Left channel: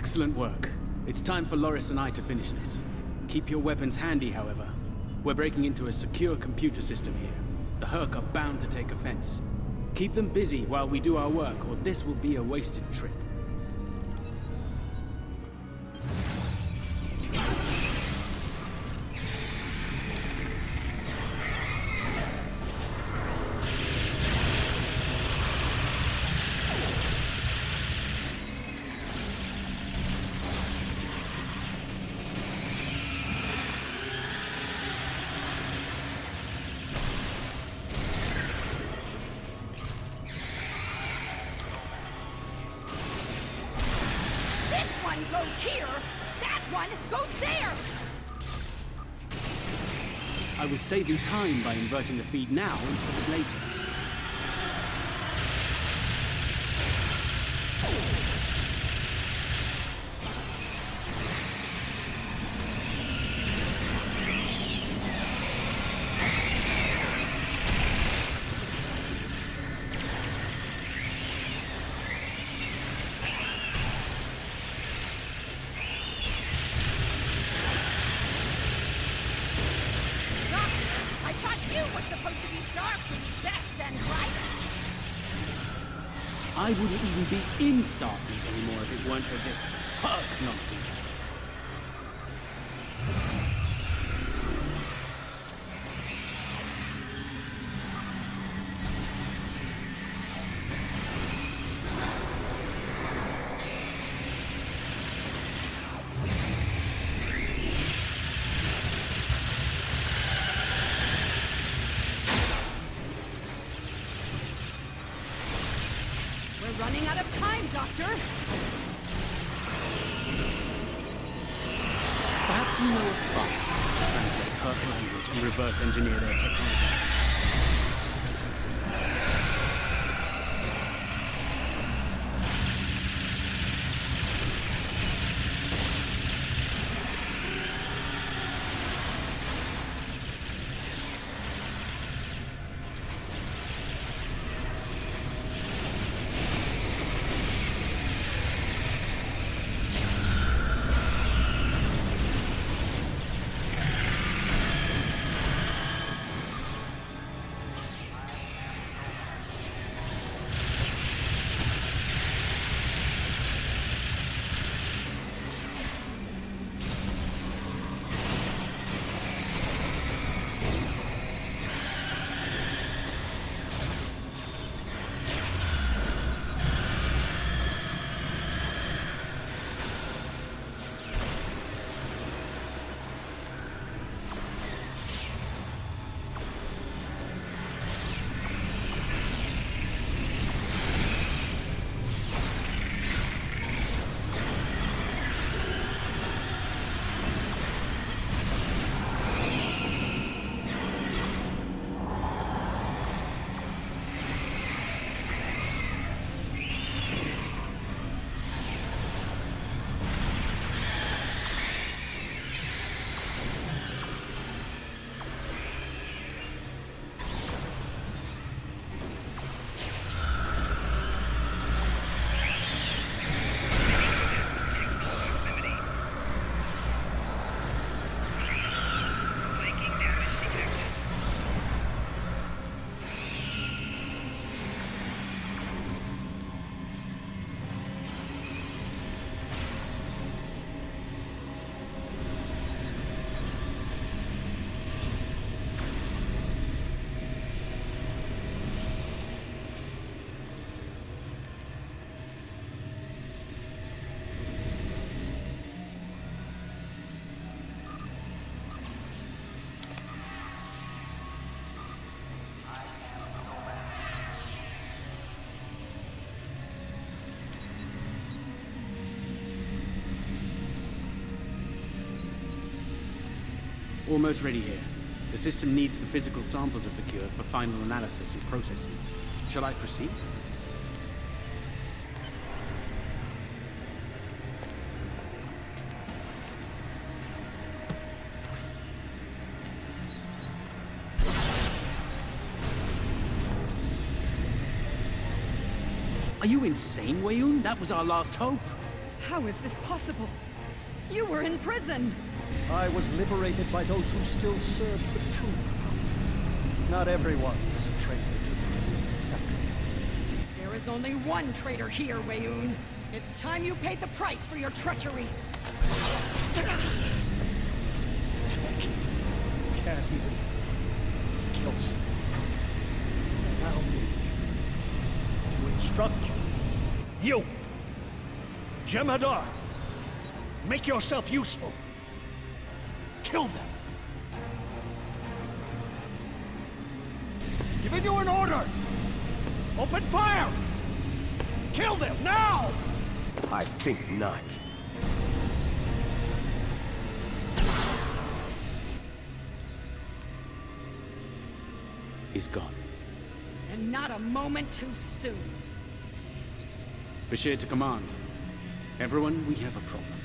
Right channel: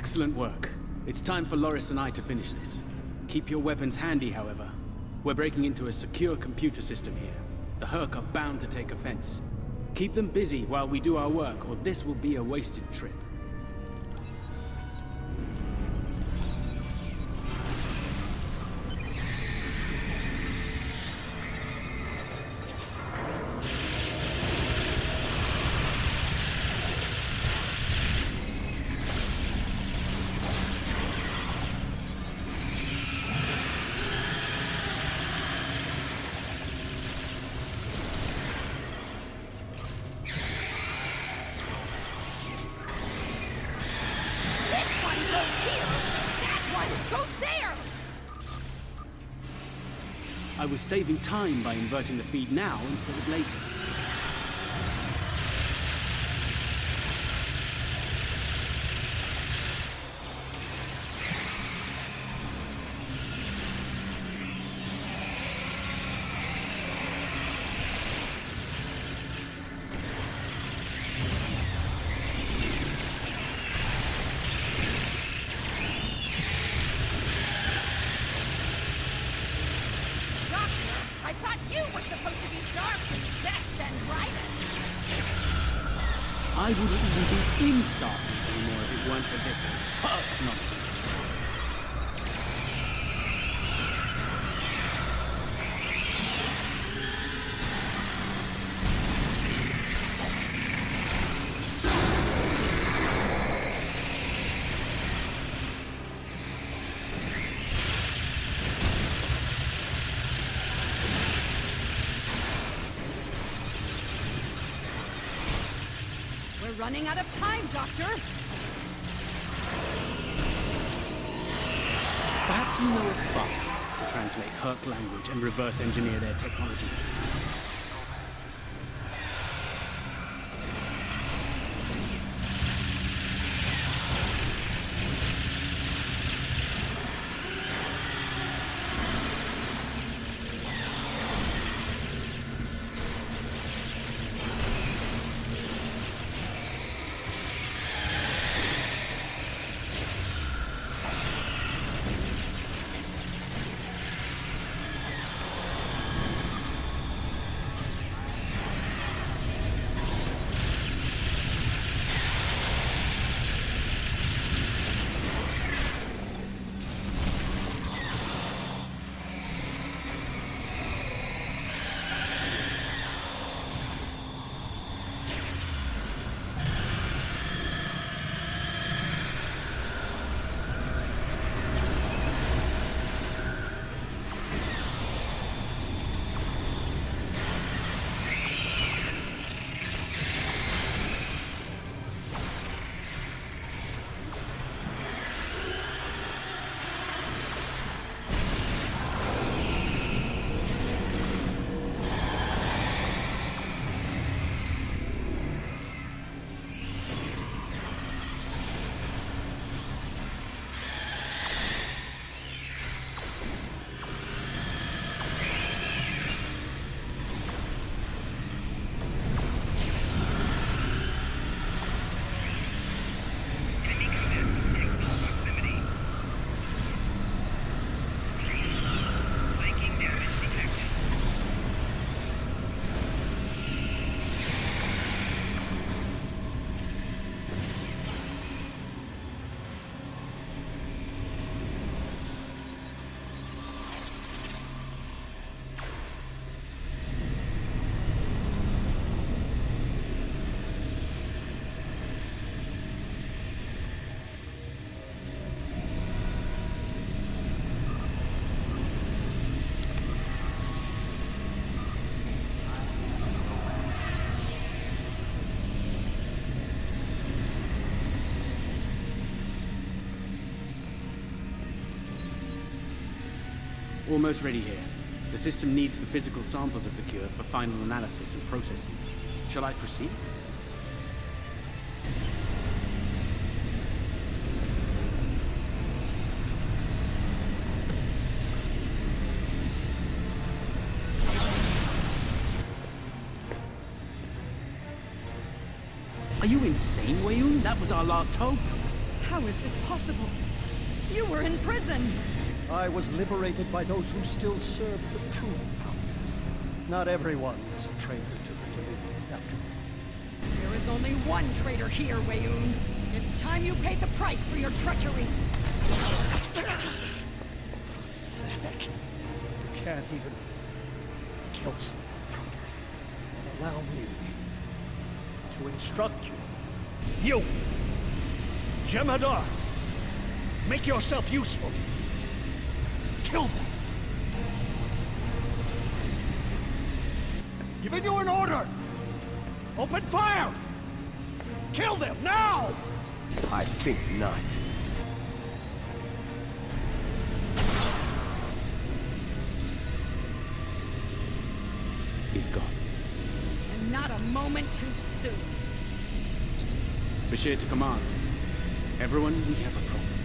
Excellent work. It's time for Loris and I to finish this. Keep your weapons handy, however. We're breaking into a secure computer system here. The Herc are bound to take offense. Keep them busy while we do our work, or this will be a wasted trip. I was saving time by inverting the feed now instead of later. I wouldn't even be in Starfleet anymore if it weren't for this Herc nonsense. Running out of time, Doctor! Perhaps you know a faster way to translate Herc language and reverse engineer their technology. Almost ready here. The system needs the physical samples of the cure for final analysis and processing. Shall I proceed? Are you insane, Weyoun? That was our last hope. How is this possible? You were in prison! I was liberated by those who still serve the true founders. Not everyone is a traitor to the Dominion, after all. There is only one traitor here, Weyoun. It's time you paid the price for your treachery! Pathetic. You can't even kill someone properly. Allow me to instruct you. You! Jem'Hadar! Make yourself useful. Kill them. Giving you an order! Open fire! Kill them, now! I think not. He's gone. And not a moment too soon. Bashir to command. Everyone, we have a problem.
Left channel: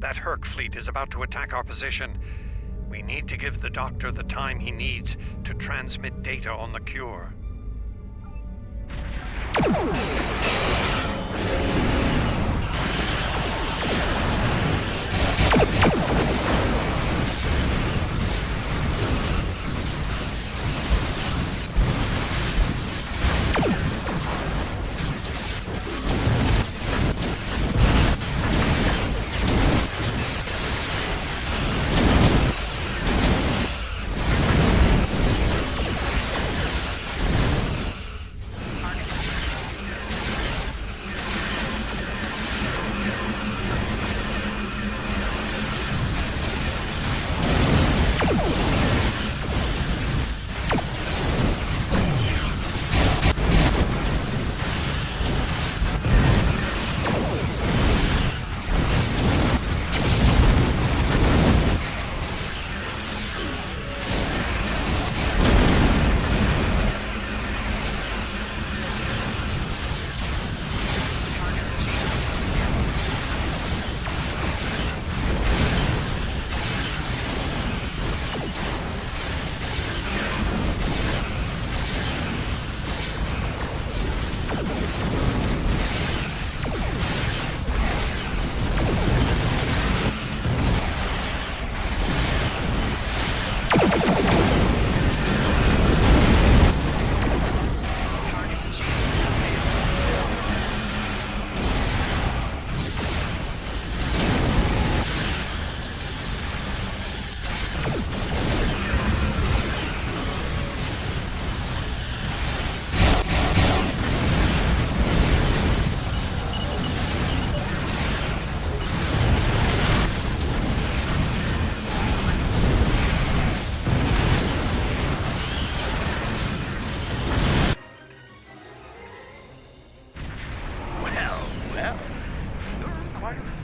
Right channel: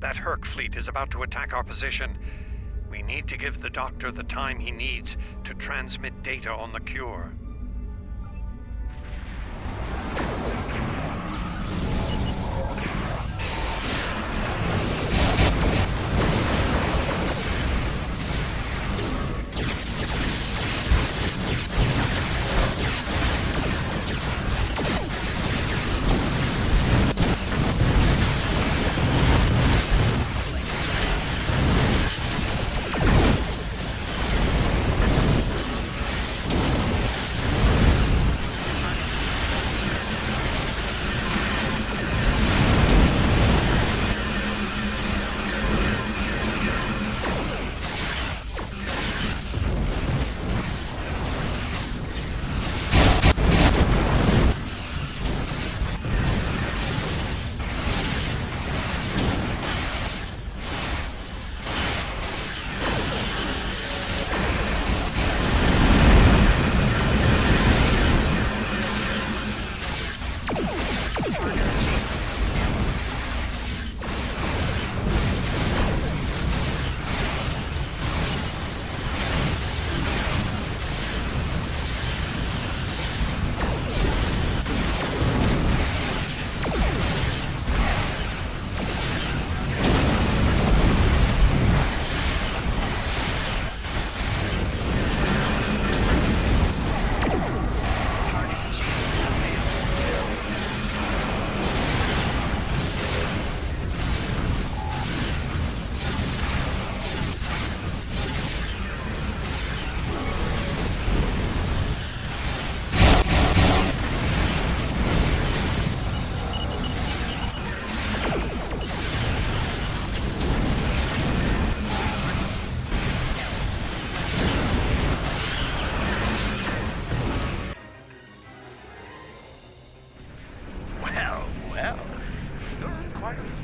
That Herc fleet is about to attack our position. We need to give the Doctor the time he needs to transmit data on the cure.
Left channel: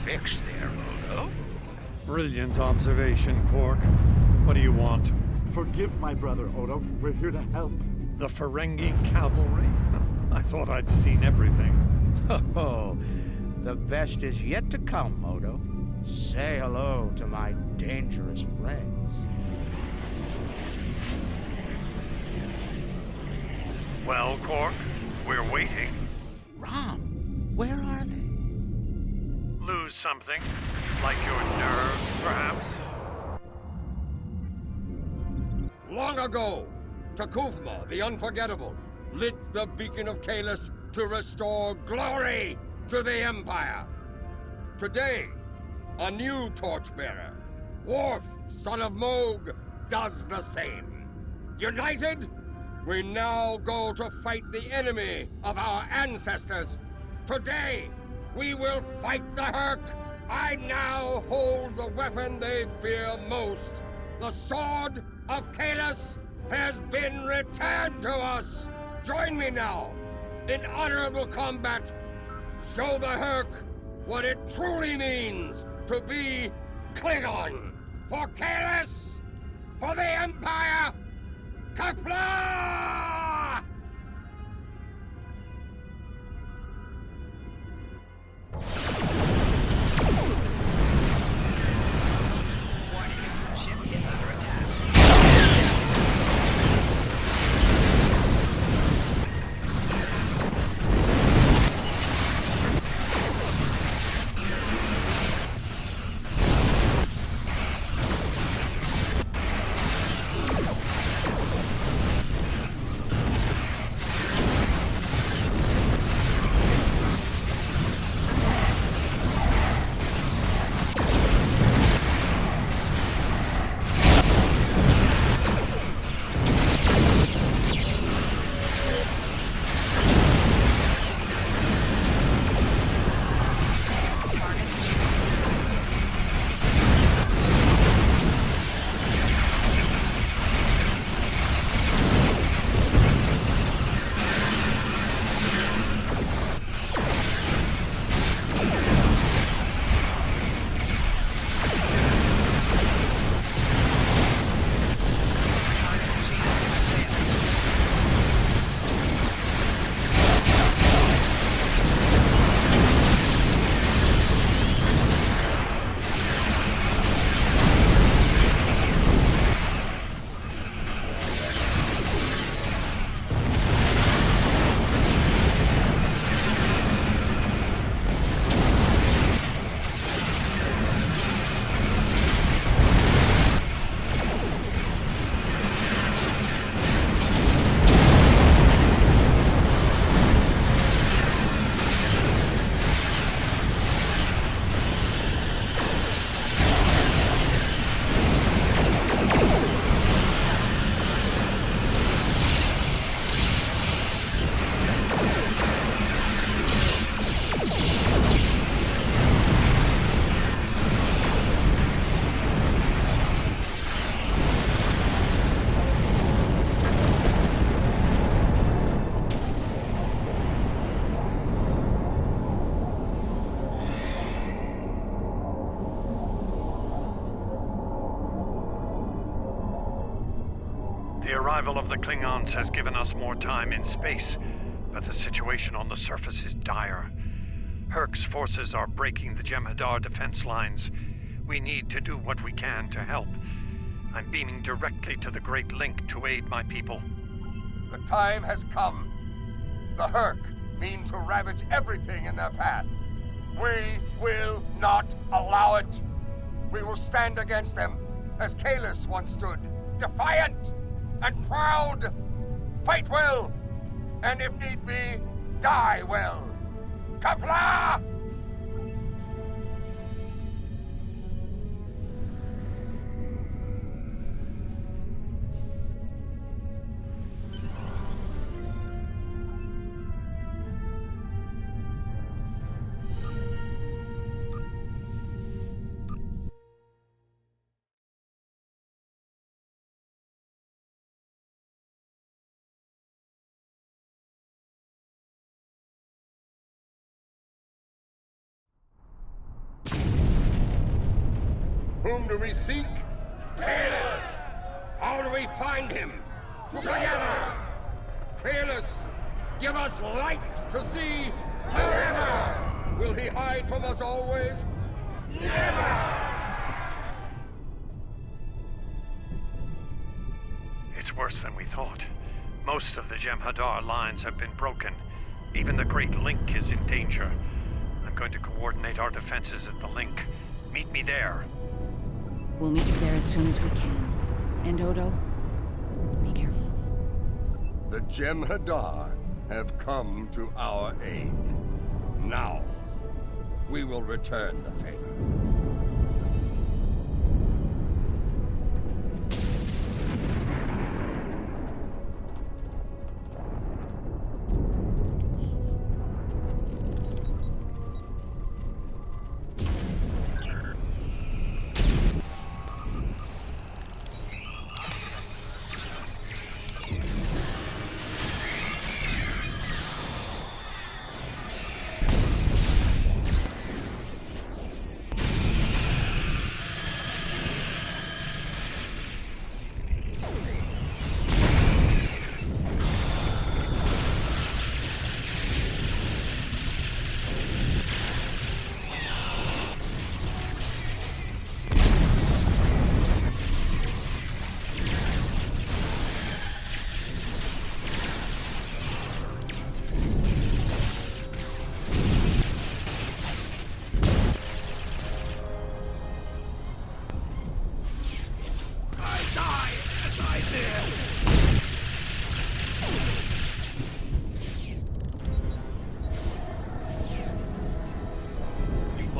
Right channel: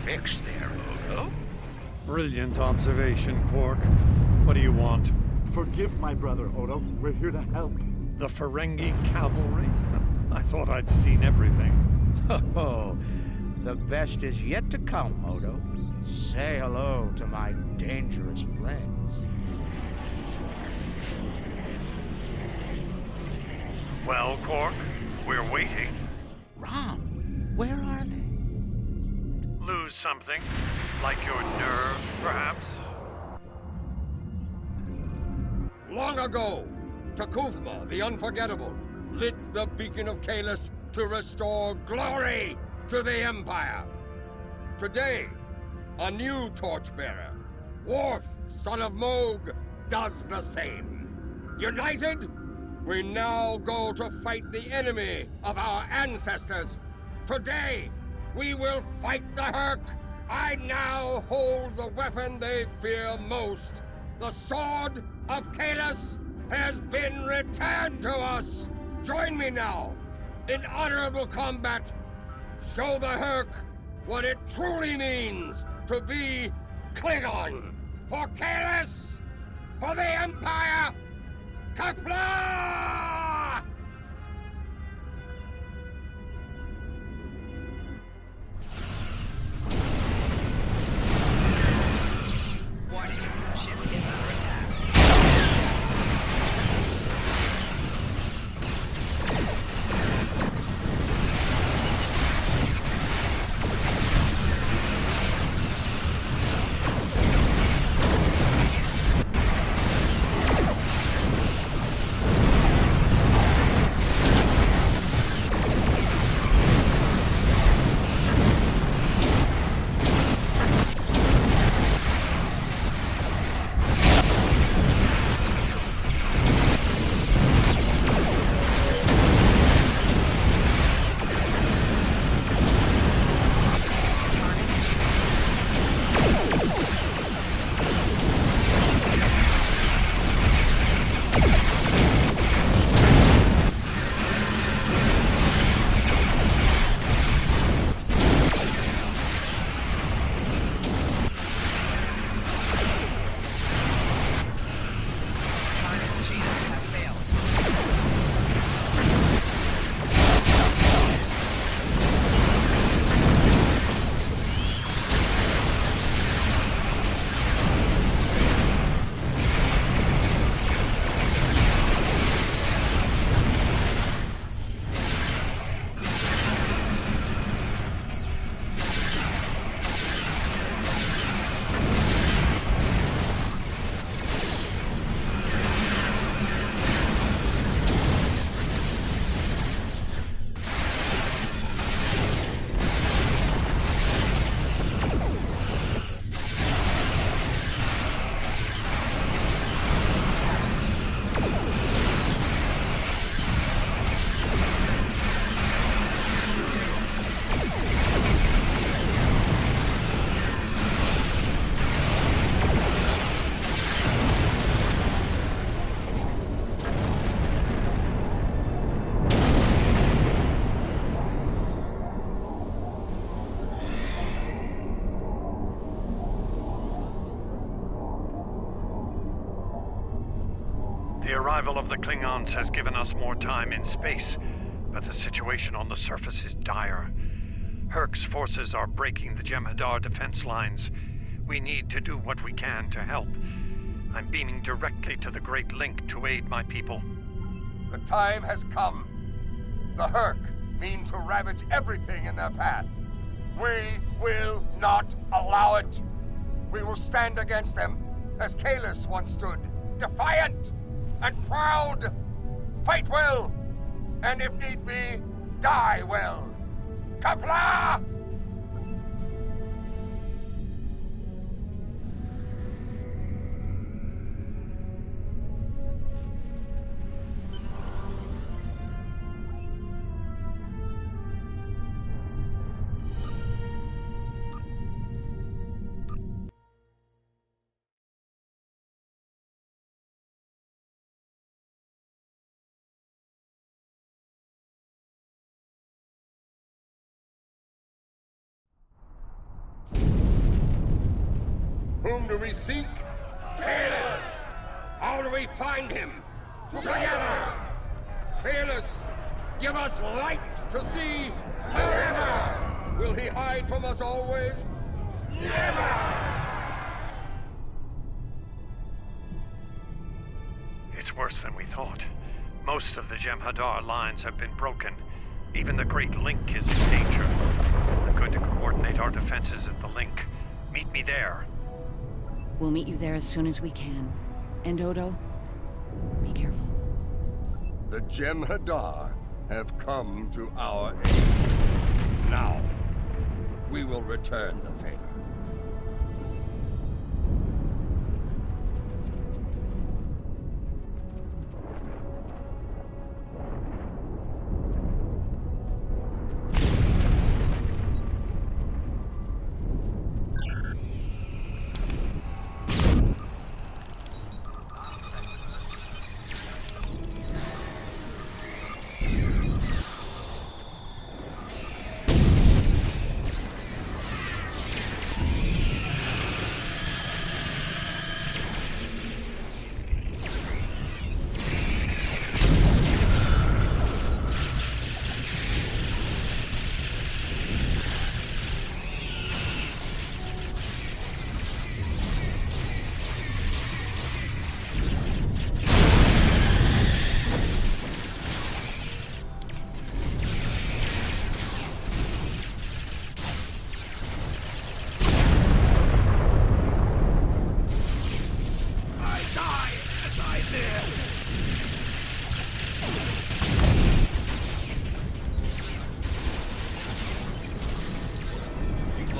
fix there, Odo. Brilliant observation, Quark. What do you want? Forgive my brother, Odo. We're here to help. The Ferengi cavalry? I thought I'd seen everything. Oh, the best is yet to come, Odo. Say hello to my dangerous friends. Well, Quark, we're waiting. Rom, where are they? Lose something? Like your nerve, perhaps? Long ago, T'Kuvma, the Unforgettable, lit the beacon of Kahless to restore glory to the Empire. Today, a new torchbearer, Worf, son of Mogh, does the same. United, we now go to fight the enemy of our ancestors. Today, we will fight the Herc. I now hold the weapon they fear most, The sword of Kalis has been returned to us! Join me now in honorable combat. Show the Hurk what it truly means to be Klingon. For Kalis! For the Empire! Kapla! Warning, ship is under attack. The arrival of the Klingons has given us more time in space, but the situation on the surface is dire. Hurk's forces are breaking the Jem'Hadar defense lines. We need to do what we can to help. I'm beaming directly to the Great Link to aid my people. The time has come. The Hurk mean to ravage everything in their path. We will not allow it. We will stand against them, as Kalis once stood, defiant and proud. Fight well, and if need be, die well. Kapla! Whom do we seek? Kalis! How do we find him? Together! Kalis, give us light to see forever! Will he hide from us always? Never! It's worse than we thought. Most of the Jem'Hadar lines have been broken. Even the Great Link is in danger. I'm going to coordinate our defenses at the Link. Meet me there. We'll meet you there as soon as we can. And Odo, be careful. The Jem'Hadar have come to our aid. Now, we will return the favor.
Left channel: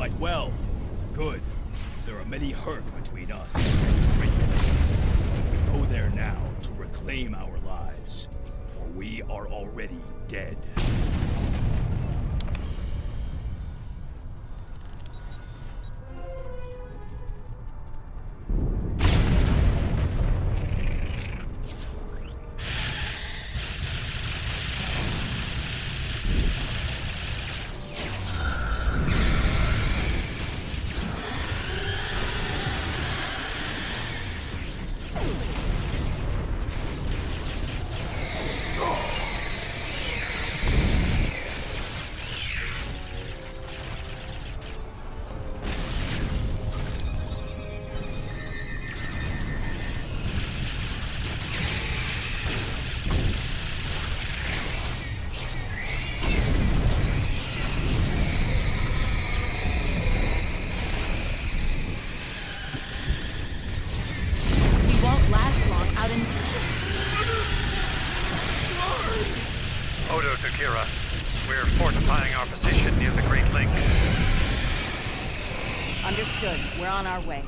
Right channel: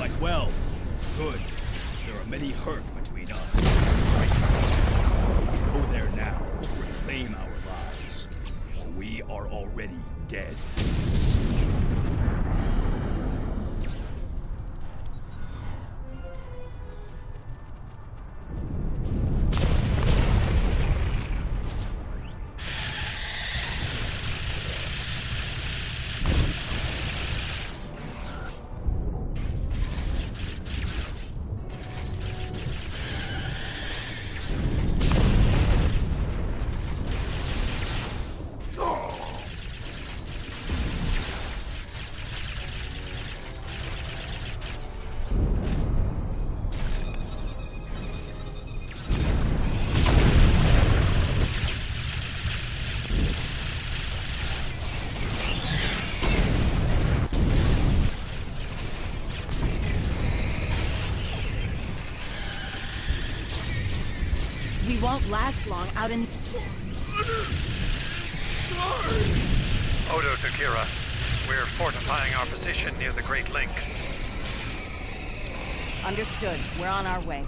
fight well. Good. There are many hurt between us. Great. We go there now to reclaim our lives, for we are already dead. Won't last long out in... Odo to Kira. We're fortifying our position near the Great Link. Understood. We're on our way.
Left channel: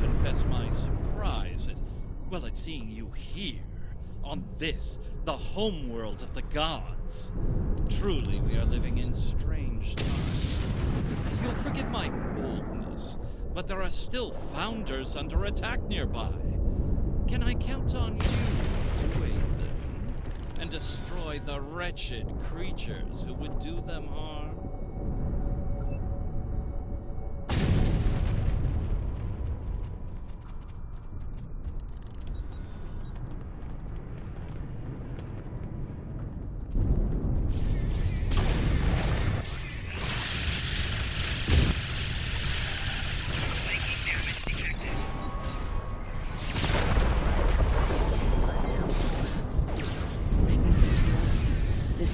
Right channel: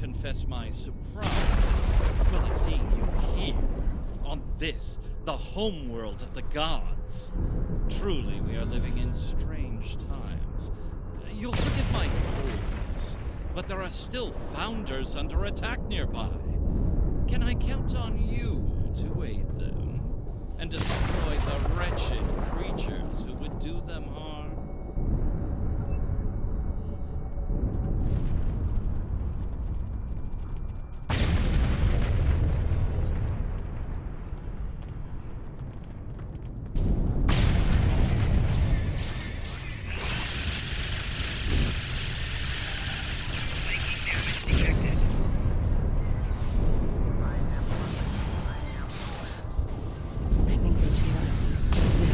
Confess my surprise at seeing you here, on this, the homeworld of the gods. Truly, we are living in strange times. You'll forgive my boldness, but there are still Founders under attack nearby. Can I count on you to aid them, and destroy the wretched creatures who would do them harm?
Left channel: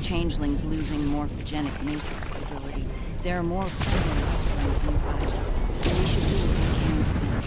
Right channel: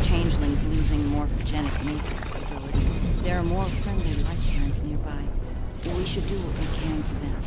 Changelings losing morphogenic matrix stability. There are more friendly life signs nearby. We should do what we can for them.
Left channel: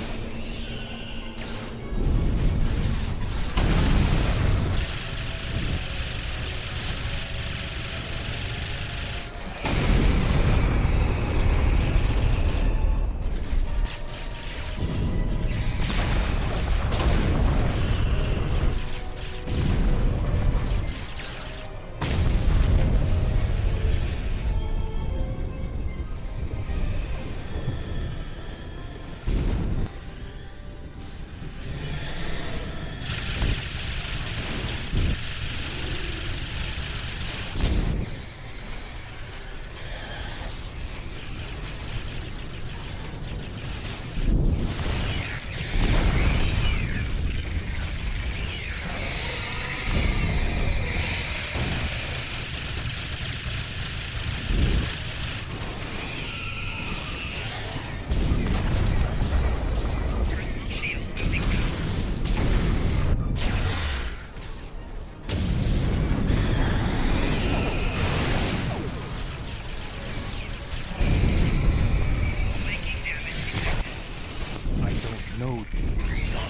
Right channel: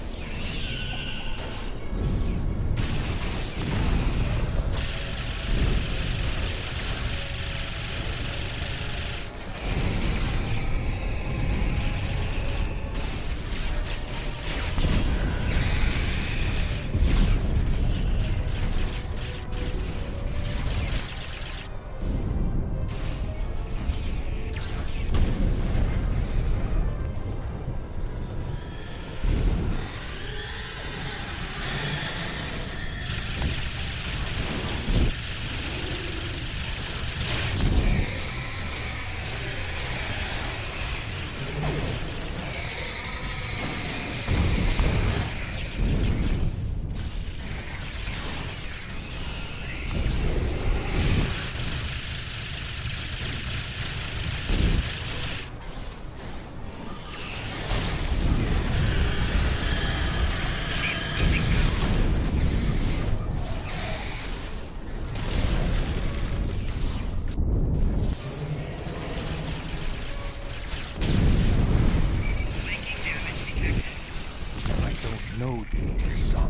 know you, son,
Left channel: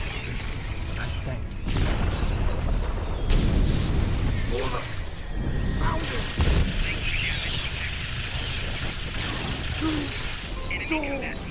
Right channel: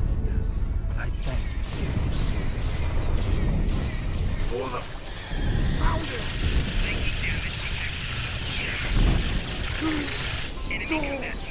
but I thank you for your service. For the Founders! To storm!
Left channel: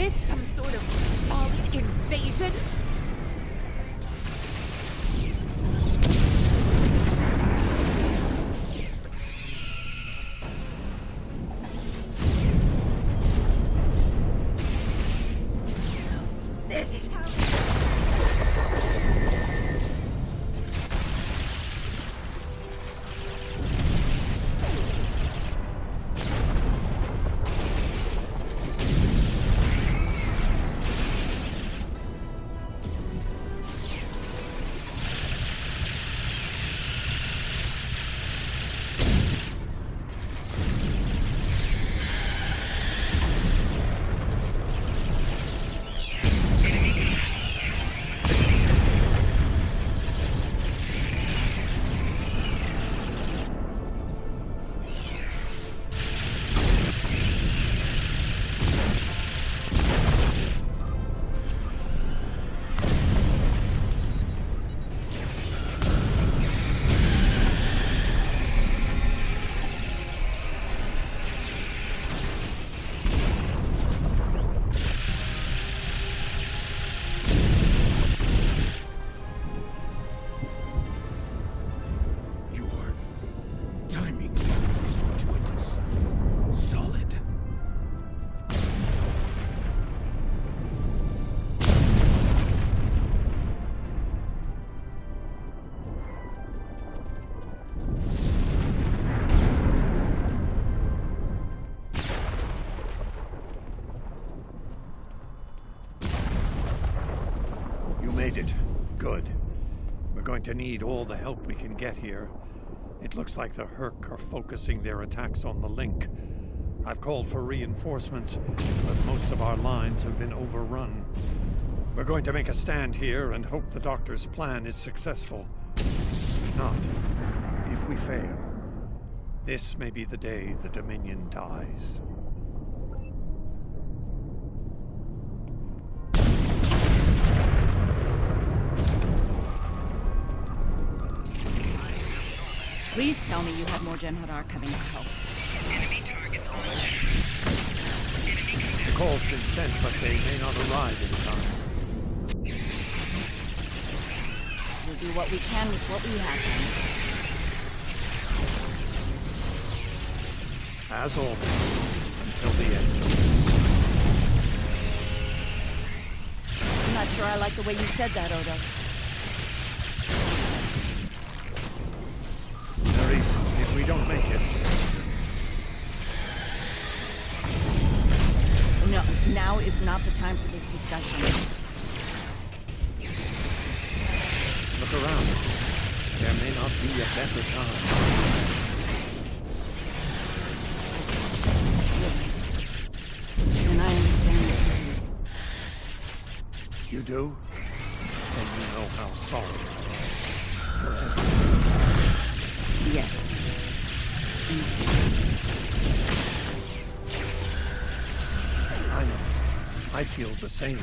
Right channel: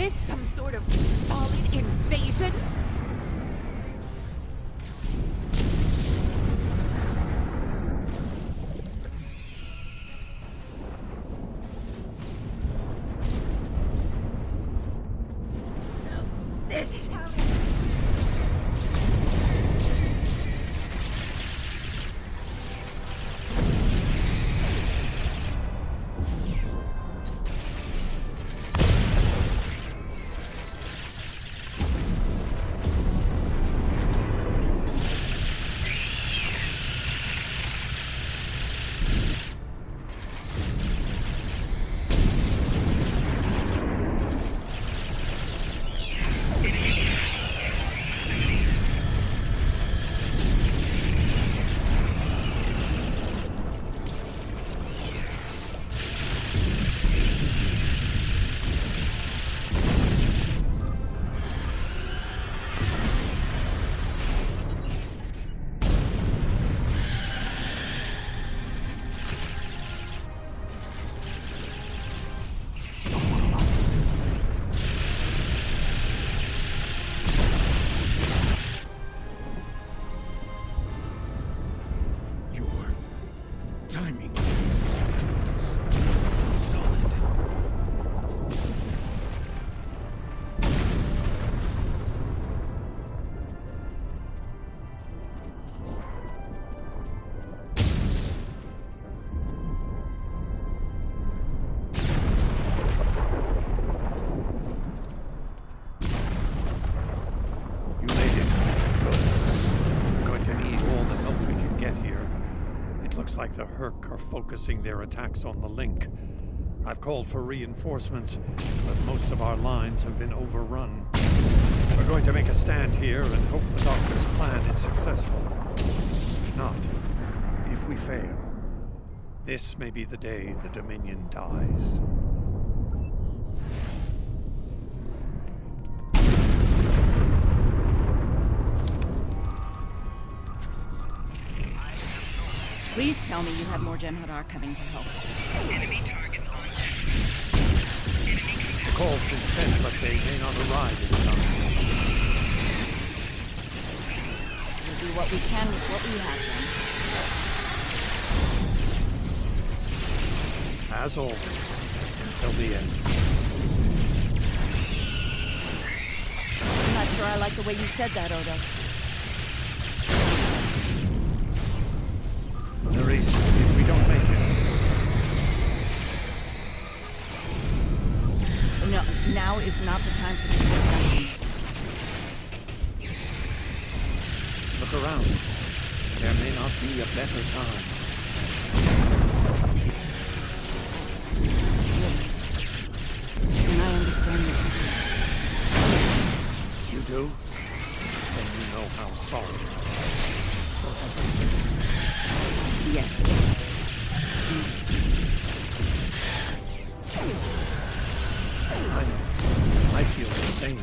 this some sort of solid invasion? This is how... Timing is fortuitous. Solid. You made it. Good. We're going to need all the help we can get here. It looks like the Hurk are focusing their attacks on the Link. I've called for reinforcements, but most of our lines have been overrun. We're going to make a stand here and hope the Doctor's plan is successful. If not, if we fail, this may be the day the Dominion dies. Please tell me you have more Jem'Hadar coming to help. Enemy target launched. The call's been sent, but they may not arrive in time. We'll do what we can with what we have then. As always, until the end. I'm not sure I like the way you said that, Odo. Nerys, if we don't make it... No, now is not the time for this discussion. Look around. There may not be a better time. And I understand what you do. You do? Then you know how sorry I am for everything. Yes. I know. I feel the same.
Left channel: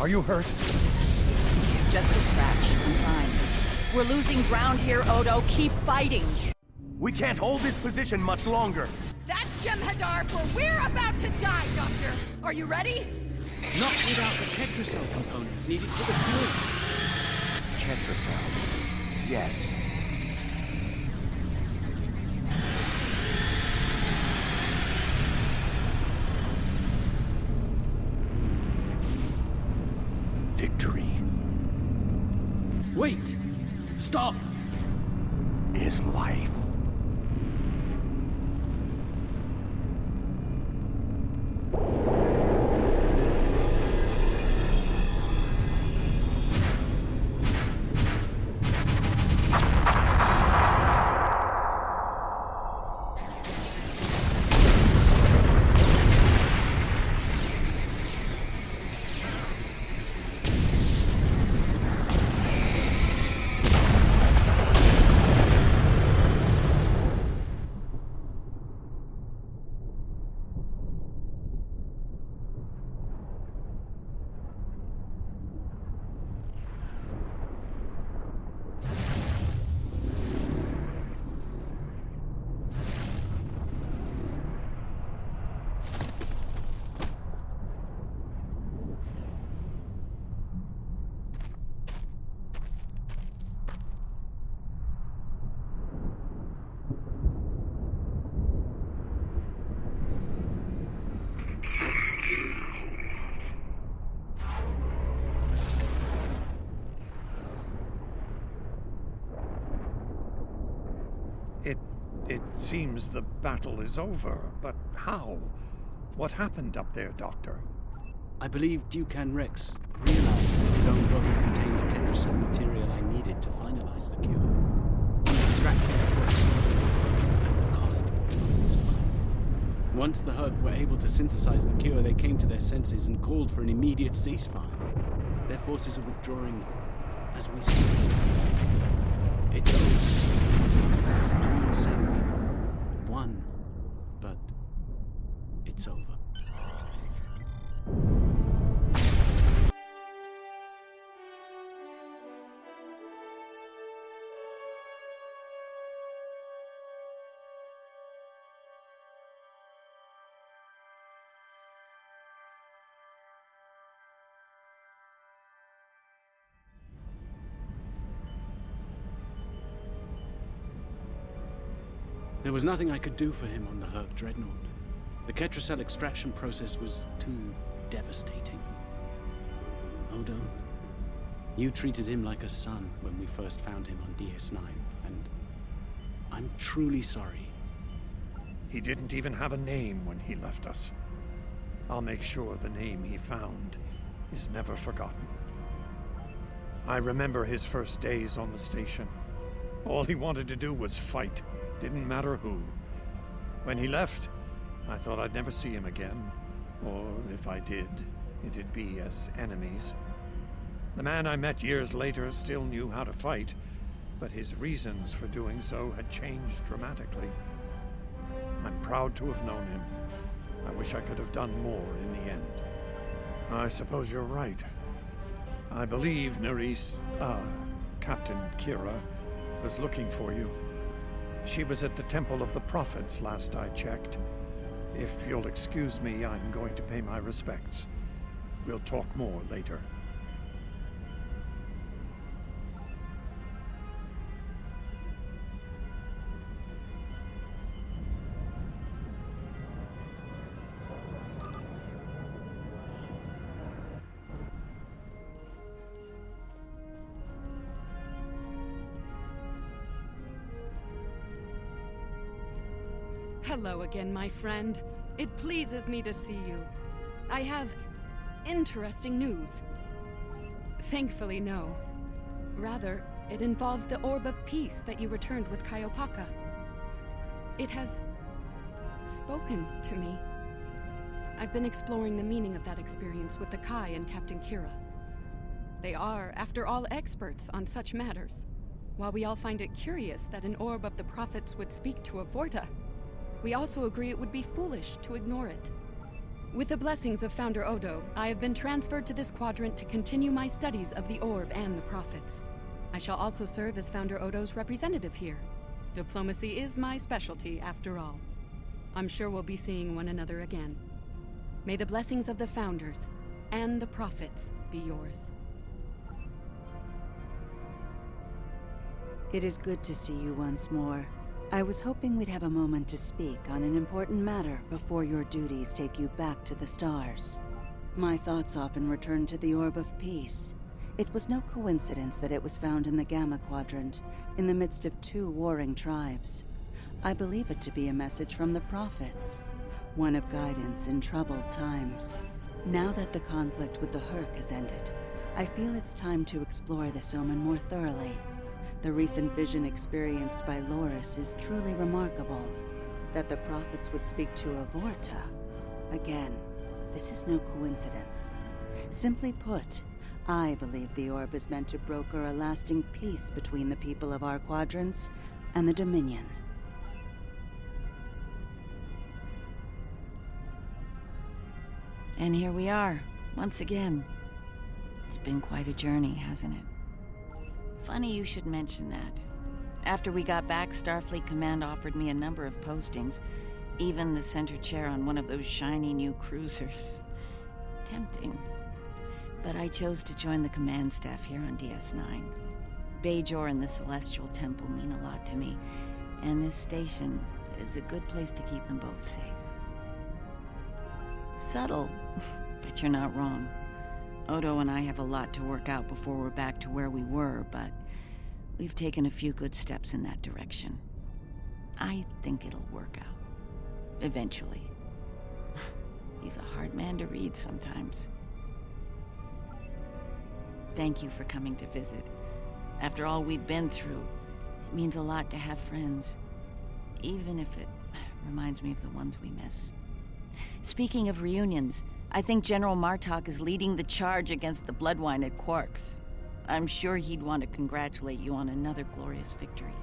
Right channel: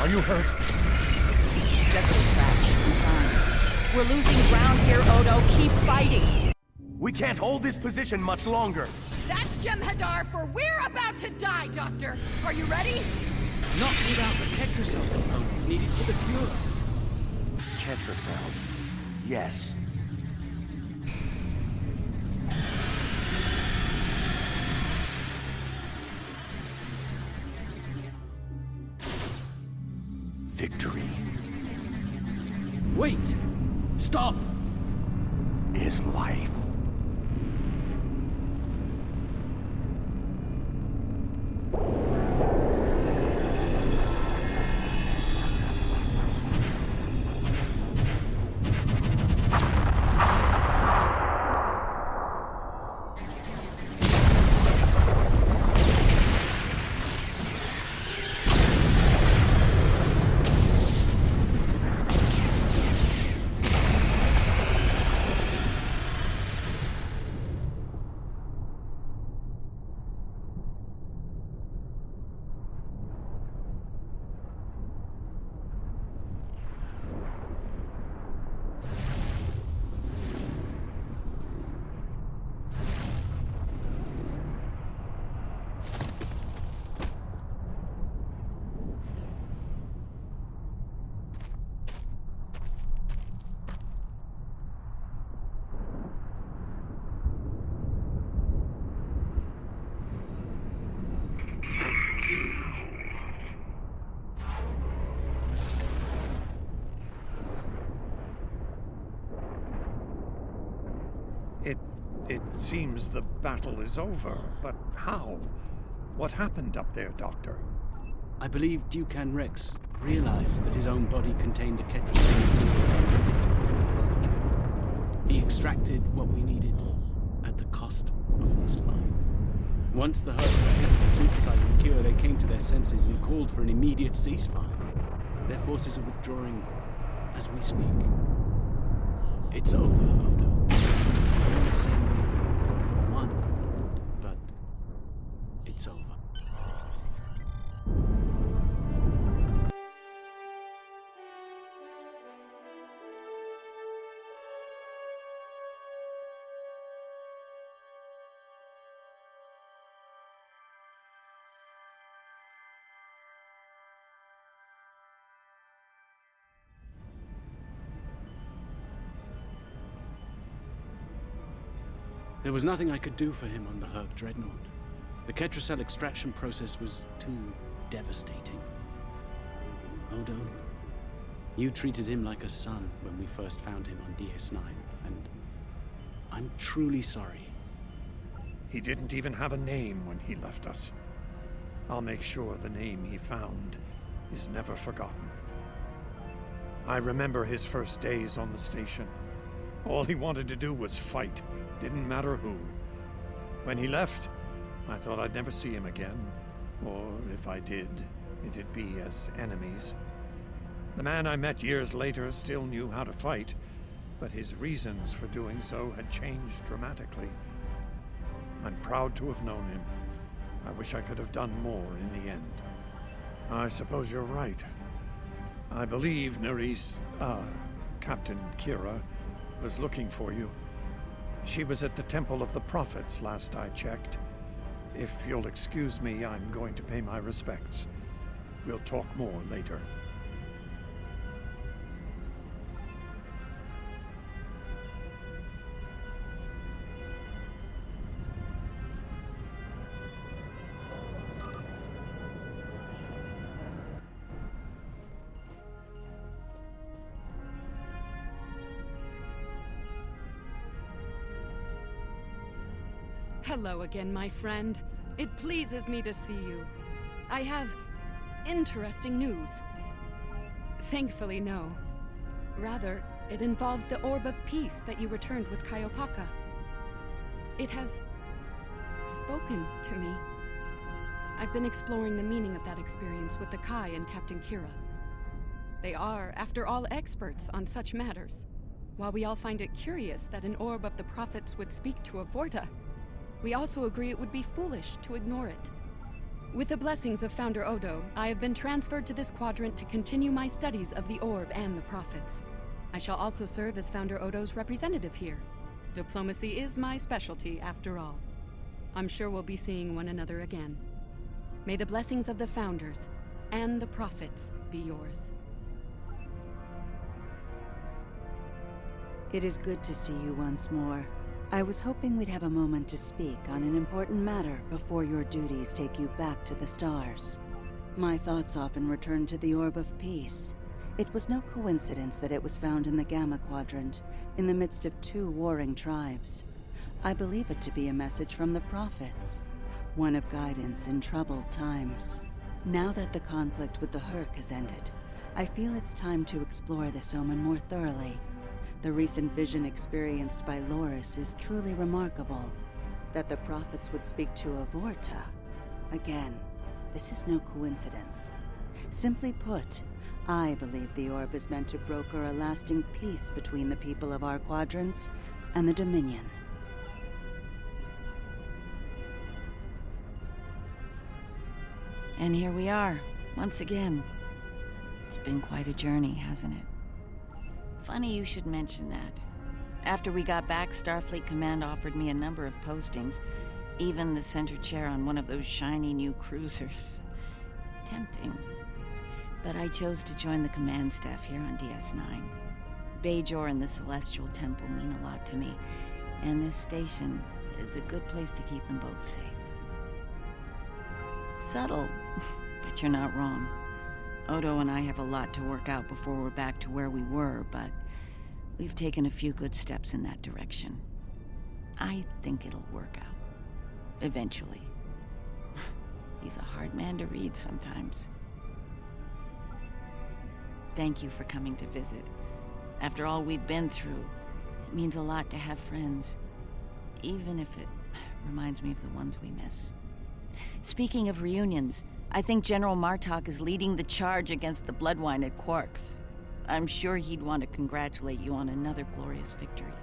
Are you hurt? It's just a scratch. I'm fine. We're losing ground here, Odo. Keep fighting. We can't hold this position much longer. That's Jem'Hadar, for we're about to die, Doctor. Are you ready? Not without the Ketracel components needed for the cure. Ketracel. Yes. Victory. Wait! Stop! Is life. It seems the battle is over, but how? What happened up there, Doctor? I believe Dukan Rex realized that his own body contained the Ketracel material they needed to finalize the cure. He extracted what he needed at the cost of his life. Once the Hurt were able to synthesize the cure, they came to their senses and called for an immediate ceasefire. Their forces are withdrawing as we speak. It's over. I won't say we've won, but it's over. There was nothing I could do for him on the Herc Dreadnought. The Ketracel extraction process was too devastating. Odo, you treated him like a son when we first found him on DS9, and I'm truly sorry. He didn't even have a name when he left us. I'll make sure the name he found is never forgotten. I remember his first days on the station. All he wanted to do was fight. Didn't matter who. When he left, I thought I'd never see him again. Or if I did, it'd be as enemies. The man I met years later still knew how to fight, but his reasons for doing so had changed dramatically. I'm proud to have known him. I wish I could have done more in the end. I suppose you're right. I believe Captain Kira, was looking for you. She was at the Temple of the Prophets last I checked. If you'll excuse me, I'm going to pay my respects. We'll talk more later. Hello again, my friend. It pleases me to see you. I have interesting news. Thankfully, no. Rather, it involves the Orb of Peace that you returned with Kaiopaka. It has spoken to me. I've been exploring the meaning of that experience with the Kai and Captain Kira. They are, after all, experts on such matters. While we all find it curious that an Orb of the Prophets would speak to a Vorta, we also agree it would be foolish to ignore it. With the blessings of Founder Odo, I have been transferred to this quadrant to continue my studies of the Orb and the Prophets. I shall also serve as Founder Odo's representative here. Diplomacy is my specialty, after all. I'm sure we'll be seeing one another again. May the blessings of the Founders and the Prophets be yours. It is good to see you once more. I was hoping we'd have a moment to speak on an important matter before your duties take you back to the stars. My thoughts often return to the Orb of Peace. It was no coincidence that it was found in the Gamma Quadrant, in the midst of two warring tribes. I believe it to be a message from the Prophets, one of guidance in troubled times. Now that the conflict with the Hurk has ended, I feel it's time to explore this omen more thoroughly. The recent vision experienced by Loris is truly remarkable. That the Prophets would speak to Avorta. Again, this is no coincidence. Simply put, I believe the Orb is meant to broker a lasting peace between the people of our quadrants and the Dominion. And here we are, once again. It's been quite a journey, hasn't it? Funny you should mention that. After we got back, Starfleet Command offered me a number of postings, even the center chair on one of those shiny new cruisers. Tempting. But I chose to join the command staff here on DS9. Bajor and the Celestial Temple mean a lot to me, and this station is a good place to keep them both safe. Subtle, but you're not wrong. Odo and I have a lot to work out before we're back to where we were, but we've taken a few good steps in that direction. I think it'll work out. Eventually. He's a hard man to read sometimes. Thank you for coming to visit. After all we've been through, it means a lot to have friends. Even if it reminds me of the ones we miss. Speaking of reunions, I think General Martok is leading the charge against the Bloodwine at Quark's. I'm sure he'd want to congratulate you on another glorious victory.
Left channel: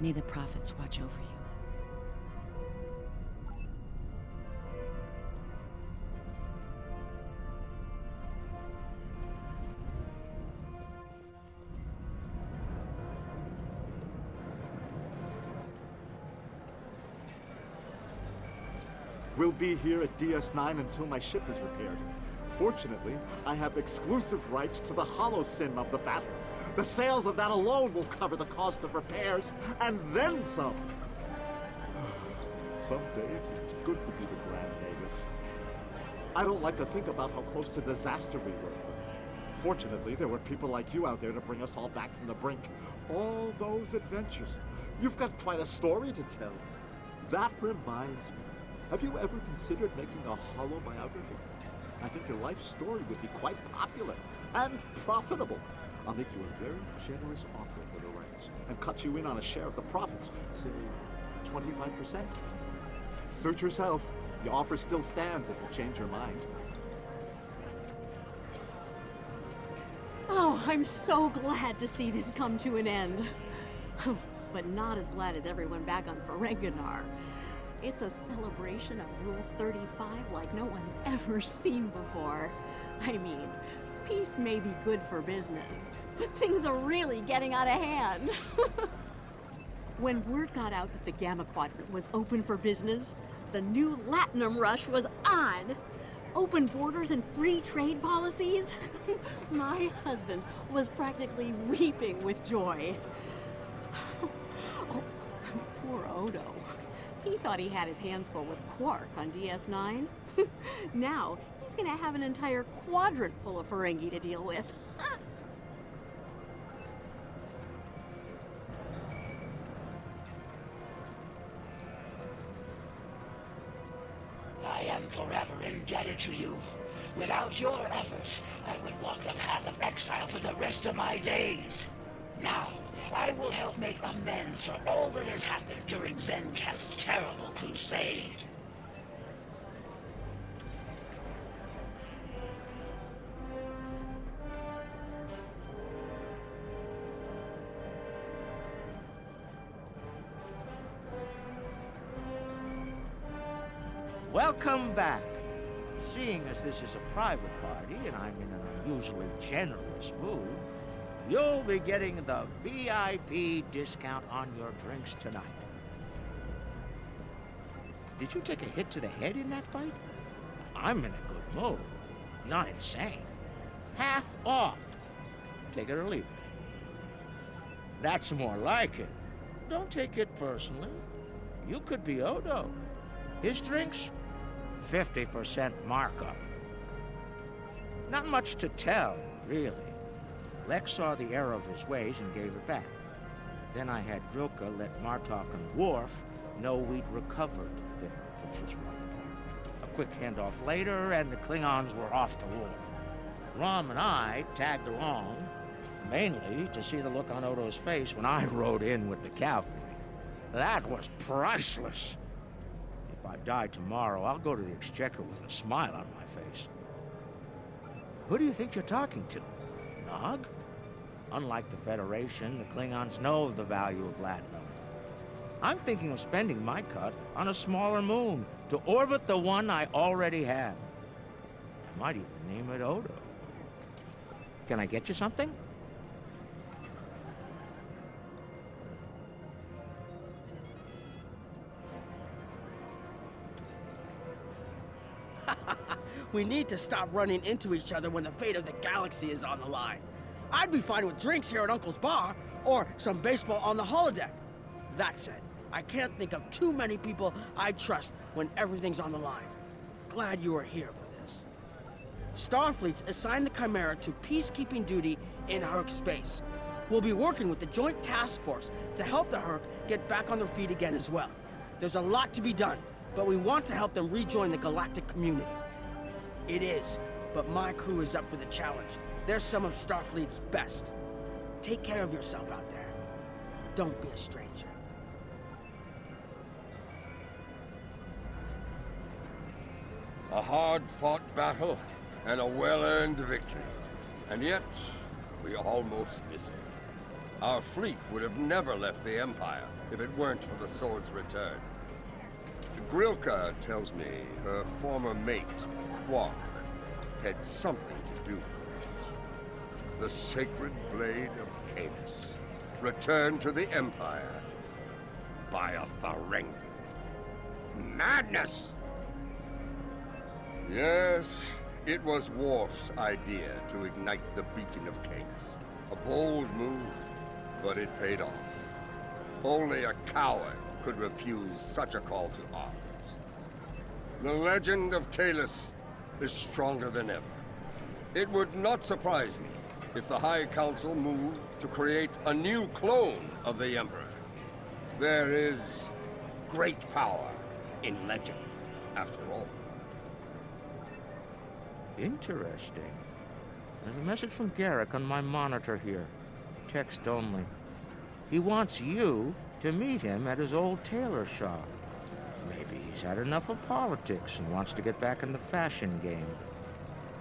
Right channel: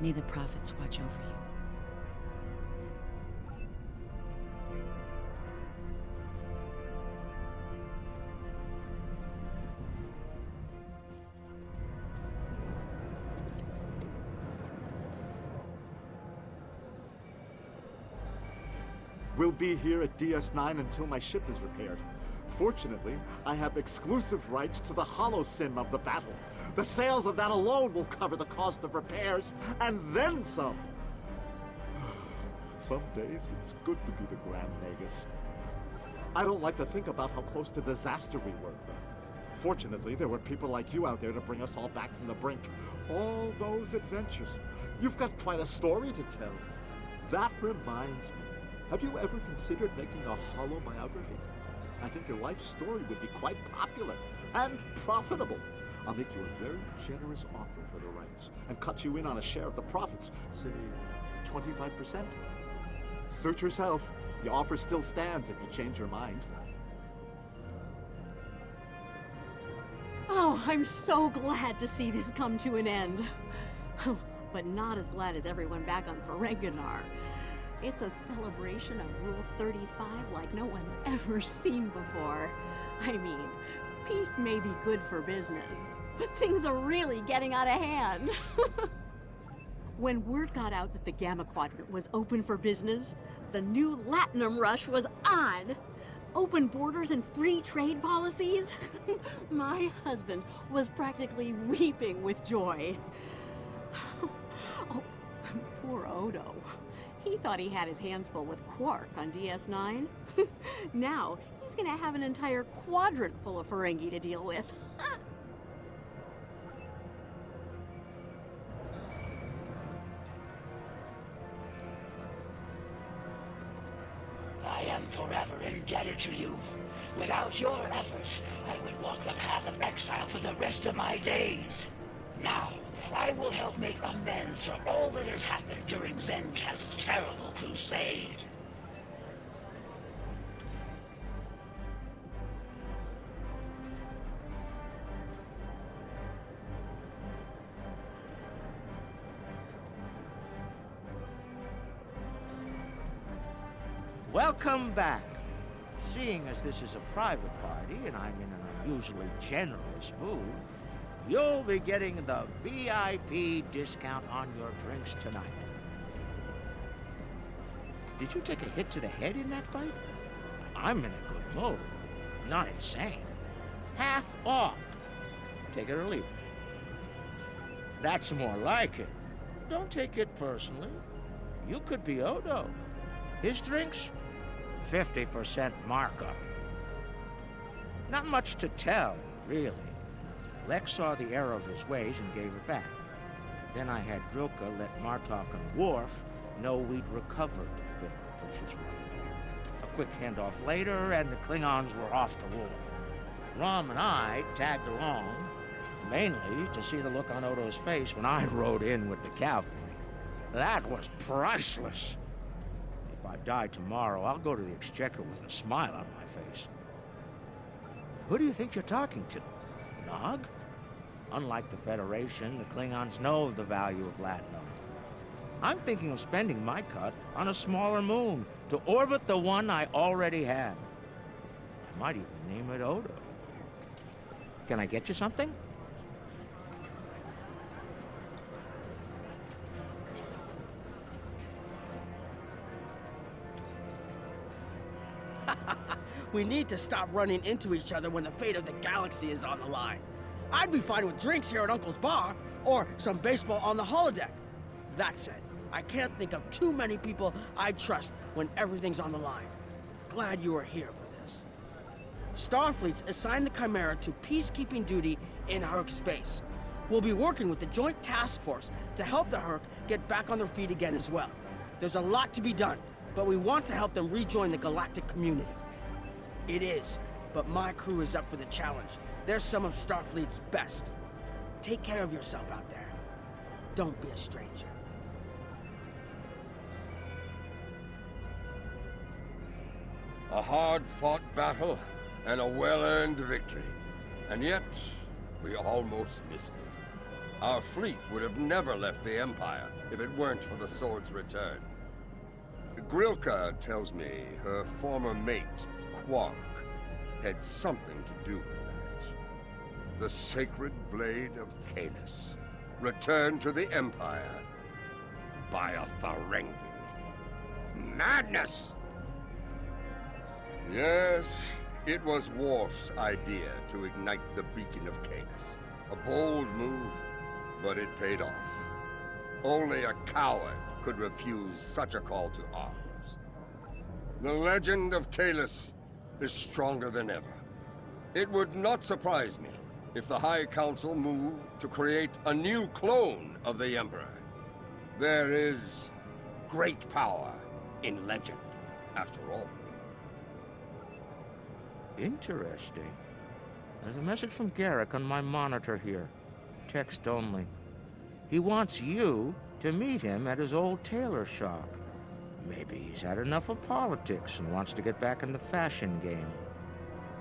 May the Prophets watch over you. We'll be here at DS9 until my ship is repaired. Fortunately, I have exclusive rights to the holosim of the battle. The sales of that alone will cover the cost of repairs, and then some. Some days, it's good to be the Grand Nagus. I don't like to think about how close to disaster we were. Fortunately, there were people like you out there to bring us all back from the brink. All those adventures. You've got quite a story to tell. That reminds me. Have you ever considered making a holo biography? I think your life story would be quite popular and profitable. I'll make you a very generous offer for the rights and cut you in on a share of the profits, say 25%. Suit yourself. The offer still stands if you change your mind. Oh, I'm so glad to see this come to an end. But not as glad as everyone back on Ferenginar. It's a celebration of Rule 35 like no one's ever seen before. I mean, peace may be good for business, but things are really getting out of hand. When word got out that the Gamma Quadrant was open for business, the new Latinum rush was on. Open borders and free trade policies? My husband was practically weeping with joy. Oh, poor Odo. He thought he had his hands full with Quark on DS9. Now, he's gonna have an entire quadrant full of Ferengi to deal with. I am forever indebted to you. Without your efforts, I would walk the path of exile for the rest of my days. Now, I will help make amends for all that has happened during Zencast's terrible crusade. Welcome back. seeing as this is a private party and I'm in an unusually generous mood, you'll be getting the VIP discount on your drinks tonight. Did you take a hit to the head in that fight? I'm in a good mood. Not insane. Half off. Take it or leave it. That's more like it. Don't take it personally. You could be Odo. His drinks, 50% markup. Not much to tell, really. Lex saw the error of his ways and gave it back. Then I had Grilka let Martok and Worf know we'd recovered their precious relic. A quick handoff later, and the Klingons were off the wall. Rom and I tagged along, mainly to see the look on Odo's face when I rode in with the cavalry. That was priceless. If I die tomorrow, I'll go to the Exchequer with a smile on my face. Who do you think you're talking to? Nog? Unlike the Federation, the Klingons know the value of Latinum. I'm thinking of spending my cut on a smaller moon to orbit the one I already have. I might even name it Odo. Can I get you something? We need to stop running into each other when the fate of the galaxy is on the line. I'd be fine with drinks here at Uncle's Bar, or some baseball on the holodeck. That said, I can't think of too many people I'd trust when everything's on the line. Glad you are here for this. Starfleet's assigned the Chimera to peacekeeping duty in Herc space. We'll be working with the Joint Task Force to help the Herc get back on their feet again as well. There's a lot to be done, but we want to help them rejoin the galactic community. It is, but my crew is up for the challenge. They're some of Starfleet's best. Take care of yourself out there. Don't be a stranger. A hard-fought battle and a well-earned victory. And yet, we almost missed it. Our fleet would have never left the Empire if it weren't for the Sword's return. Grilka tells me her former mate, Quark, had something to do with it. The sacred blade of Caelus, returned to the Empire by a Ferengi. Madness! Yes, it was Worf's idea to ignite the beacon of Caelus. A bold move, but it paid off. Only a coward could refuse such a call to arms. The legend of Caelus is stronger than ever. It would not surprise me if the High Council moved to create a new clone of the Emperor. There is great power in legend, after all. Interesting. There's a message from Garrick on my monitor here. Text only. He wants you to meet him at his old tailor shop. Maybe he's had enough of politics and wants to get back in the fashion game.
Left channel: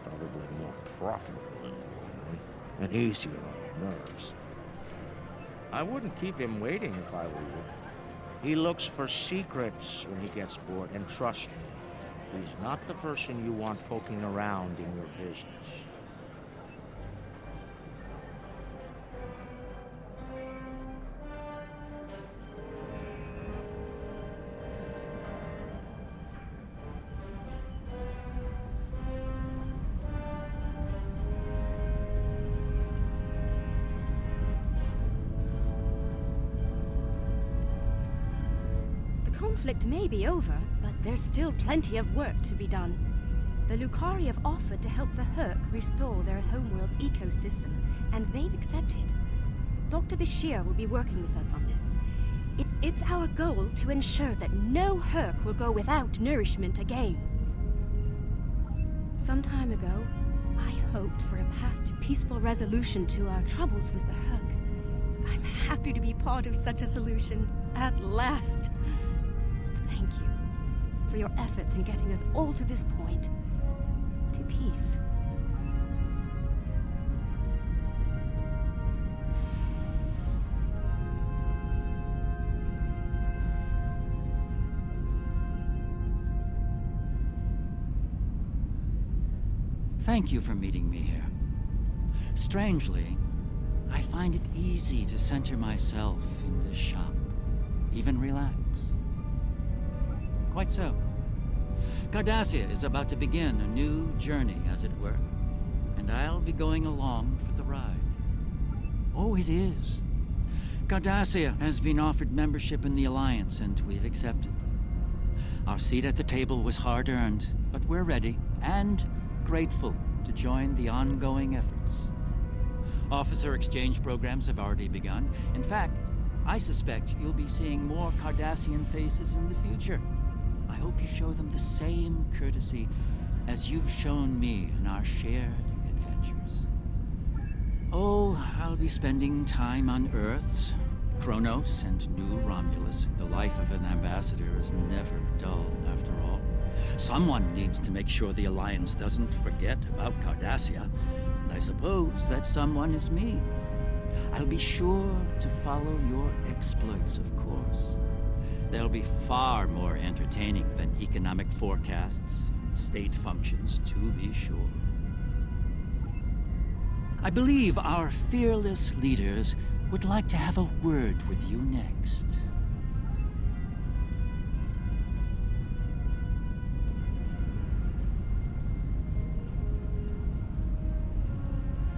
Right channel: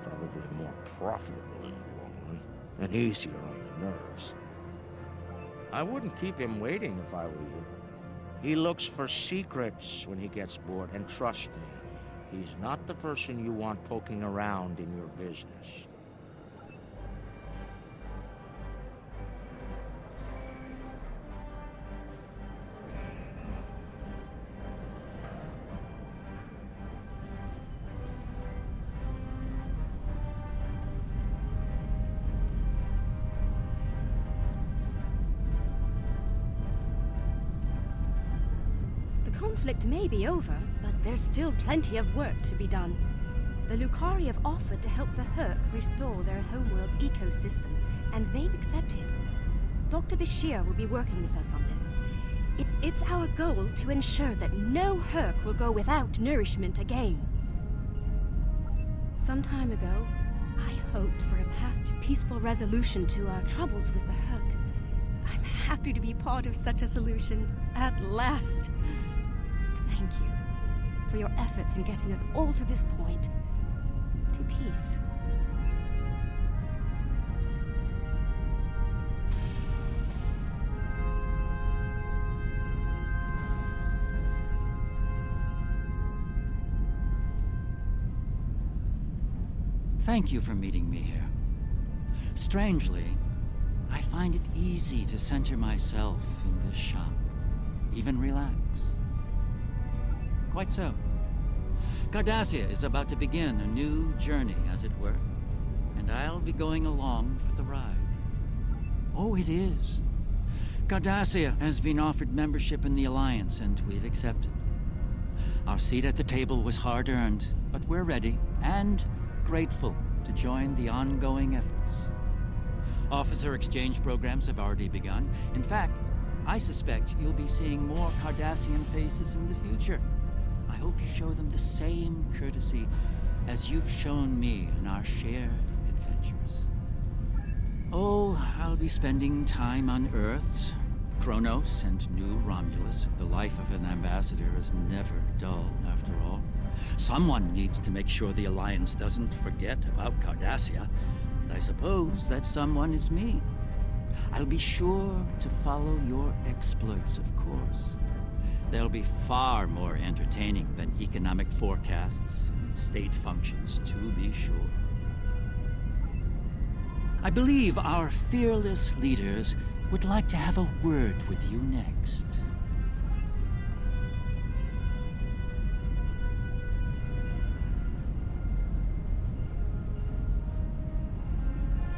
Probably more profitable in the long run, and easier on the nerves. I wouldn't keep him waiting if I were you. He looks for secrets when he gets bored, and trust me, he's not the person you want poking around in your business. The conflict may be over, but there's still plenty of work to be done. The Lukari have offered to help the Herc restore their homeworld's ecosystem, and they've accepted. Dr. Bashir will be working with us on this. It's our goal to ensure that no Herc will go without nourishment again. Some time ago, I hoped for a path to peaceful resolution to our troubles with the Herc. I'm happy to be part of such a solution, at last. Thank you for your efforts in getting us all to this point, to peace. Thank you for meeting me here. Strangely, I find it easy to center myself in this shop, even relax. Quite so. Cardassia is about to begin a new journey, as it were, and I'll be going along for the ride. Oh, it is. Cardassia has been offered membership in the Alliance, and we've accepted. Our seat at the table was hard-earned, but we're ready and grateful to join the ongoing efforts. Officer exchange programs have already begun. In fact, I suspect you'll be seeing more Cardassian faces in the future. I hope you show them the same courtesy as you've shown me in our shared adventures. Oh, I'll be spending time on Earth, Kronos, and New Romulus. The life of an ambassador is never dull, after all. Someone needs to make sure the Alliance doesn't forget about Cardassia, and I suppose that someone is me. I'll be sure to follow your exploits, of course. They'll be far more entertaining than economic forecasts and state functions, to be sure. I believe our fearless leaders would like to have a word with you next.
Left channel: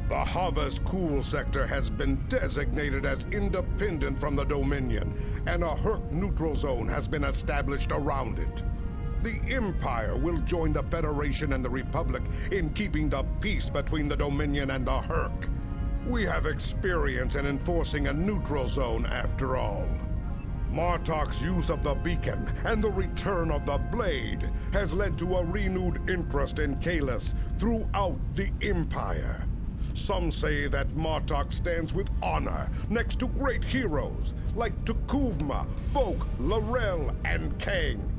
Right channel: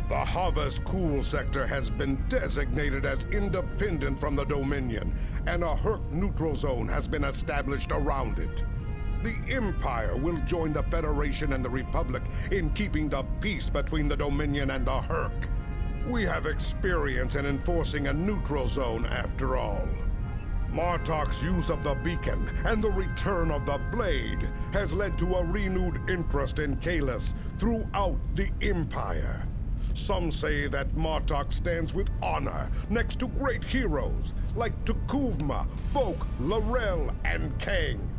The Havas Cool sector has been designated as independent from the Dominion, and a Herc neutral zone has been established around it. The Empire will join the Federation and the Republic in keeping the peace between the Dominion and the Herc. We have experience in enforcing a neutral zone, after all. Martok's use of the beacon and the return of the blade has led to a renewed interest in Kahless throughout the Empire. Some say that Martok stands with honor next to great heroes like T'Kuvma, Voq, L'Rell, and Kang.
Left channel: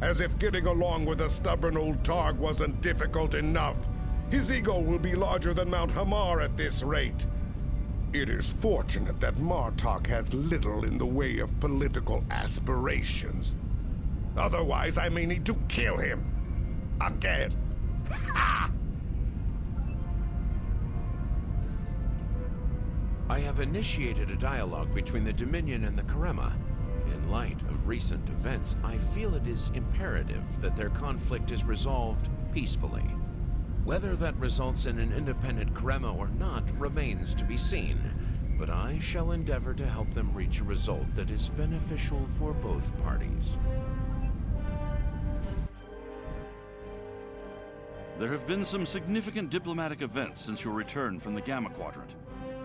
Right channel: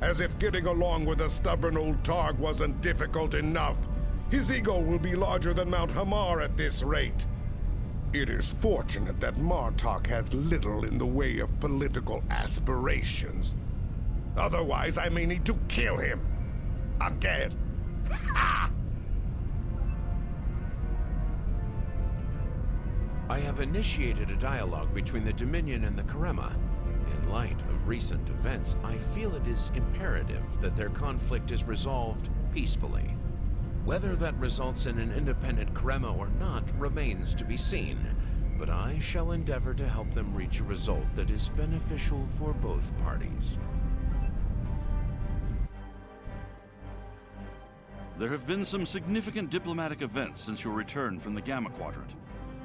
As if getting along with a stubborn old Targ wasn't difficult enough, his ego will be larger than Mount Hamar at this rate. It is fortunate that Martok has little in the way of political aspirations. Otherwise, I may need to kill him. Again. Ha! I have initiated a dialogue between the Dominion and the Karemma. In light of recent events, I feel it is imperative that their conflict is resolved peacefully. Whether that results in an independent Karemma or not remains to be seen, but I shall endeavor to help them reach a result that is beneficial for both parties. There have been some significant diplomatic events since your return from the Gamma Quadrant.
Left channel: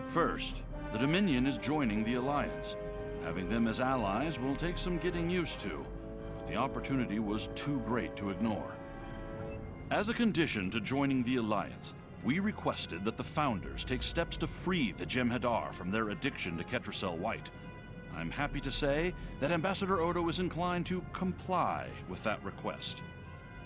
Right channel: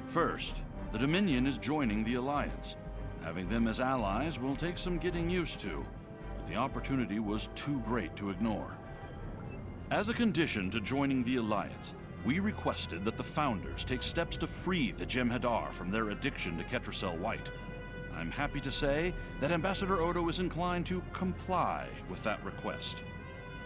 First, the Dominion is joining the Alliance. Having them as allies will take some getting used to, but the opportunity was too great to ignore. As a condition to joining the Alliance, we requested that the Founders take steps to free the Jem'Hadar from their addiction to Ketracel White. I'm happy to say that Ambassador Odo is inclined to comply with that request.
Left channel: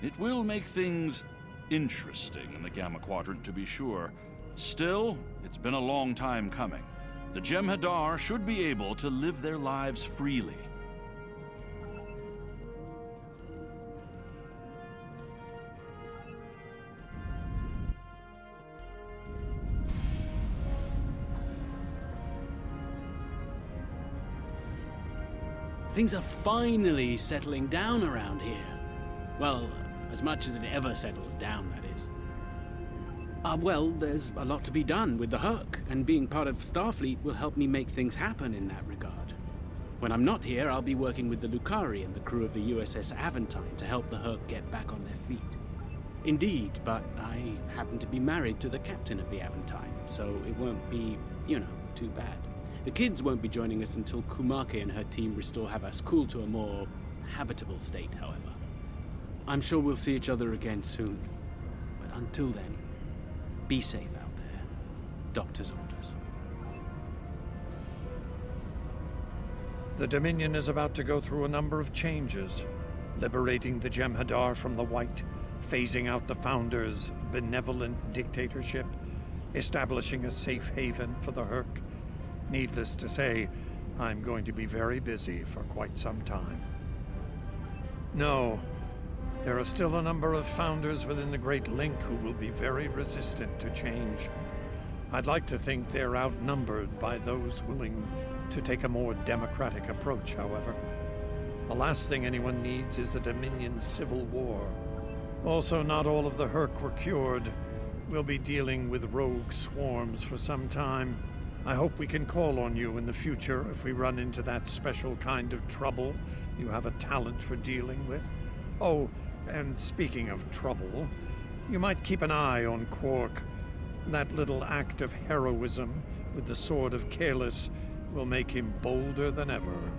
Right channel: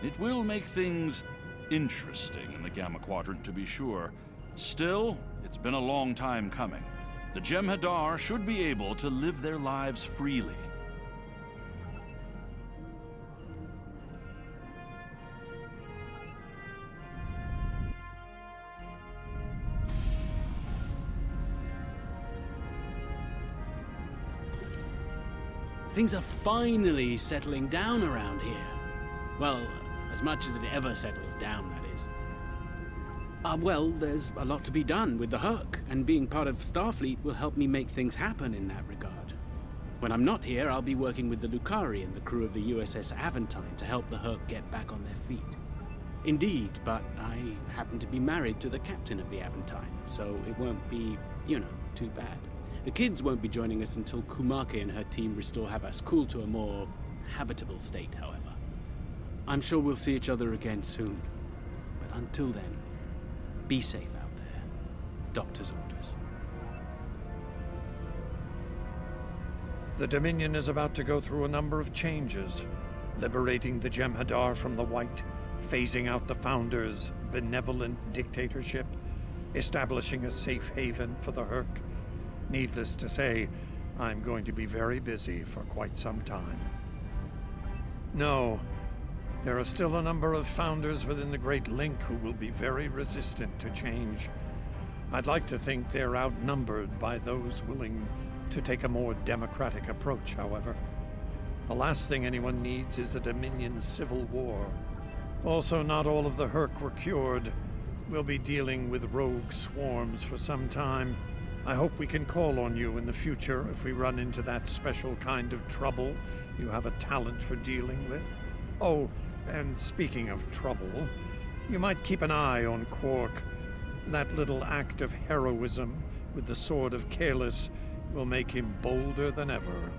It will make things interesting in the Gamma Quadrant, to be sure. Still, it's been a long time coming. The Jem'Hadar should be able to live their lives freely. Things are finally settling down around here. Well, as much as it ever settles down, that is. Well, there's a lot to be done with the Herc, and being part of Starfleet will help me make things happen in that regard. When I'm not here, I'll be working with the Lukari and the crew of the USS Aventine to help the Herc get back on their feet. Indeed, but I happen to be married to the captain of the Aventine, so it won't be, too bad. The kids won't be joining us until Kumake and her team restore Havas Cool to a more habitable state, however. I'm sure we'll see each other again soon, but until then, be safe out there. Doctor's orders. The Dominion is about to go through a number of changes, liberating the Jem'Hadar from the White, phasing out the Founders' benevolent dictatorship, establishing a safe haven for the Herc. Needless to say, I'm going to be very busy for quite some time. No, There are still a number of founders within the Great Link who will be very resistant to change. I'd like to think they're outnumbered by those willing to take a more democratic approach, however. The last thing anyone needs is a Dominion civil war. Also, not all of the Hurk were cured. We'll be dealing with rogue swarms for some time. I hope we can call on you in the future if we run into that special kind of trouble you have a talent for dealing with. Oh, and speaking of trouble, you might keep an eye on Quark. That little act of heroism with the Sword of Kahless will make him bolder than ever.